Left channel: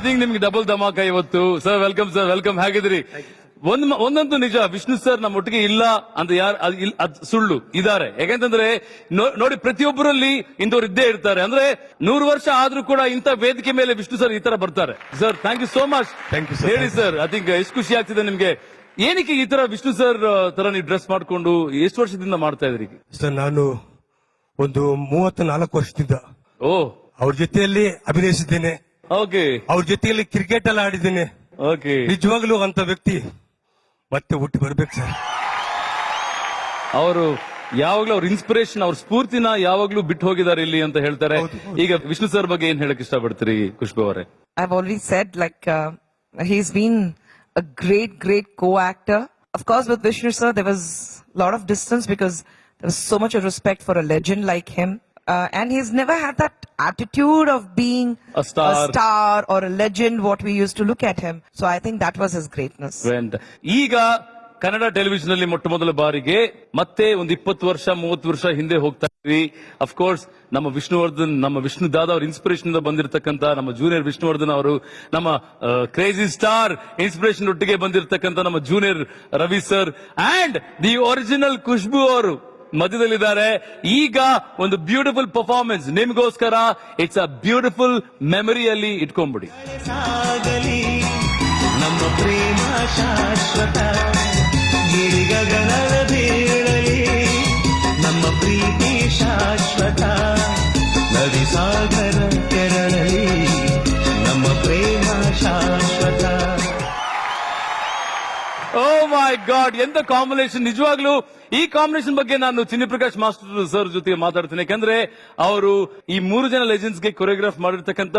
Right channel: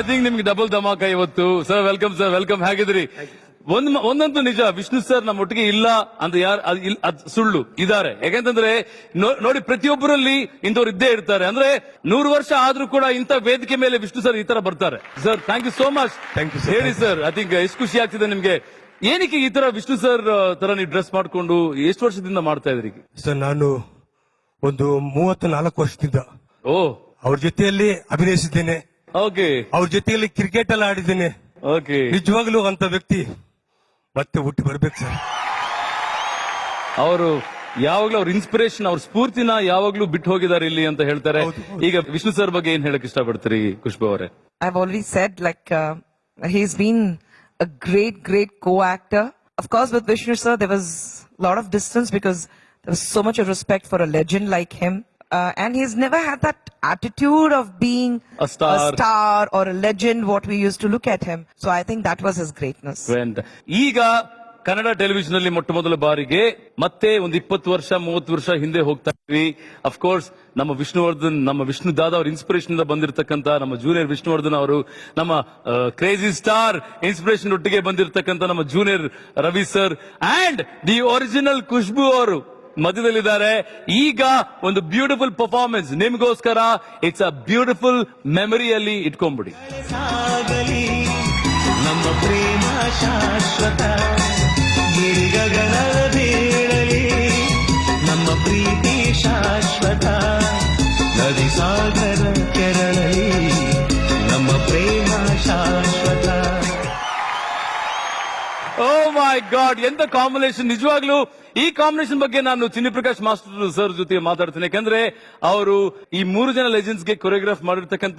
I think ನಿಮ್ಗೆ double ಧಮಾಕ ಇವತ್ತು. Sir welcome, sir welcome. ಹೇಗಿದ್ರಿ? ಒಂದೊಂದು ನಿಜ, ವಿಷ್ಣು ಸರ್ ನಮ್ಮ ಒಟ್ಟಿಗೆ ಇಲ್ಲ ಅಂದ್ರೆ ಅದು ಸುಳ್ಳು, ಇದ್ದಾರೆ. ಯಾಕಂತಂದ್ರೆ ನೋಡಿ, ಪ್ರತಿಯೊಬ್ಬರಲ್ಲಿ ಇನ್ನೊರು ಇದ್ದೇ ಇರ್ತಾರೆ. ಅಂದ್ರೆ 100 ವರ್ಷ ಆದ್ರೂ ಕೂಡ ಇಂಥ ವೇದಿಕೆ ಮೇಲೆ ವಿಷ್ಣು ಸರ್ ಈ ತರ ಬರ್ತಾರೆ. Sir thank you so much. ಹೇಳಿ ಸರ್, ಅದೀಗ ಎಷ್ಟು ಖುಷಿ ಆಗ್ತಿದೆ ನಿಮ್ಗೆ? ಏನಕ್ಕೆ ಈ ತರ ವಿಷ್ಣು ಸರ್ ತರ ನೀವು ಡ್ರೆಸ್ ಮಾಡ್ಕೊಂಡು ಎಷ್ಟು ವರ್ಷದಿಂದ ಮಾಡ್ತಾ ಇದ್ದೀರಿ? ಸರ್ ನಾನು ಒಂದು 34 ವರ್ಷದಿಂದ ಅವ್ರ ಜೊತೆಯಲ್ಲಿ ಅಭಿನಯಿಸಿದ್ದೇನೆ. ಓಕೆ. ಅವ್ರ ಜೊತೆಯಲ್ಲಿ ಕ್ರಿಕೆಟ್ ಎಲ್ಲ ಆಡಿದ್ದೇನೆ. ಓಕೆ. ನಿಜವಾಗ್ಲೂ ಅಂತ ವ್ಯಕ್ತಿ ಮತ್ತೆ ಹುಟ್ಟಿ ಬರ್ಬೇಕು ಸರ್. ಅವರು ಯಾವಾಗ್ಲೂ ಅವ್ರ ಇನ್ಸ್ಪಿರೇಷನ್, ಅವ್ರ ಸ್ಫೂರ್ತಿನ ಯಾವಾಗ್ಲೂ ಬಿಟ್ಟು ಹೋಗಿದ್ದಾರೆ ಇಲ್ಲಿ ಅಂತ ಹೇಳ್ತಾರೆ. ಈಗ ವಿಷ್ಣು ಸರ್ ಬಗ್ಗೆ ಏನ್ ಹೇಳಕ್ ಇಷ್ಟಪಡ್ತೀರಿ ಖುಷ್ಬು ಅವರೇ? I've already said, like, he's been a great co-actor. Of course, with Vishnu sir, there was a lot of distance because there was so much of respect for a legend like him. And he's never had that attitude of being A star. or a legend, what we used to look at him. So I think that was his greatness. ಈಗ Kannada television ಅಲ್ಲಿ ಮೊಟ್ಟ ಮೊದಲ ಬಾರಿಗೆ ಮತ್ತೆ ಒಂದು 20 ವರ್ಷ 30 ವರ್ಷ ಹಿಂದೆ ಹೋಗ್ತಾ ಇದ್ವಿ. ಅಫ್ಕೋರ್ಸ್ ನಮ್ಮ ವಿಷ್ಣುವರ್ಧನ್, ನಮ್ಮ ವಿಷ್ಣು ದಾದ ಅವ್ರ ಇನ್ಸ್ಪಿರೇಷನ್ ಬಂದಿರತಕ್ಕಂತ ನಮ್ಮ ಜೂನಿಯರ್ ವಿಷ್ಣುವರ್ಧನ್ ಅವರು, ನಮ್ಮ ಕ್ರೇಜಿ ಸ್ಟಾರ್ ಇನ್ಸ್ಪಿರೇಷನ್ ಒಟ್ಟಿಗೆ ಬಂದಿರತಕ್ಕಂತ ನಮ್ಮ junior Ravi sir and the original Khushbu ಅವರು ಮಧ್ಯದಲ್ಲಿದ್ದಾರೆ. ಈಗ ಒಂದು ಬ್ಯೂಟಿಫುಲ್ ಪರ್ಫಾರ್ಮೆನ್ಸ್ ನಿಮ್ಗೋಸ್ಕರ. ಇಟ್ಸ್ ಅ ಬ್ಯೂಟಿಫುಲ್ ಮೆಮರಿಯಲ್ಲಿ ಇಟ್ಕೊಂಡ್ಬಿಡಿ. ನಮ್ಮ ಪ್ರೇಮ ಶಾಶ್ವತ, ನಮ್ಮ ಪ್ರೀತಿ ಶಾಶ್ವತ, ನರಿಸಾಗರಂತೆ ನರಳಿ, ನಮ್ಮ ಪ್ರೇಮ ಶಾಶ್ವತ. ಓ ಮೈ ಗಾಡ್, ಎಂತ ಕಾಂಬಿನೇಷನ್! ನಿಜವಾಗ್ಲೂ ಈ ಕಾಂಬಿನೇಷನ್ ಬಗ್ಗೆ ನಾನು ಚಿನ್ನಿಪ್ರಕಾಶ್ ಮಾಸ್ಟರ್ ಸರ್ ಜೊತೆ ಮಾತಾಡ್ತೀನಿ. ಯಾಕಂದ್ರೆ ಅವರು ಈ 3 ಜನ ಲೆಜೆಂಡ್ಸ್ ಗೆ ಕೊರಿಯೋಗ್ರಾಫ್ ಮಾಡಿರ್ತಕ್ಕಂಥ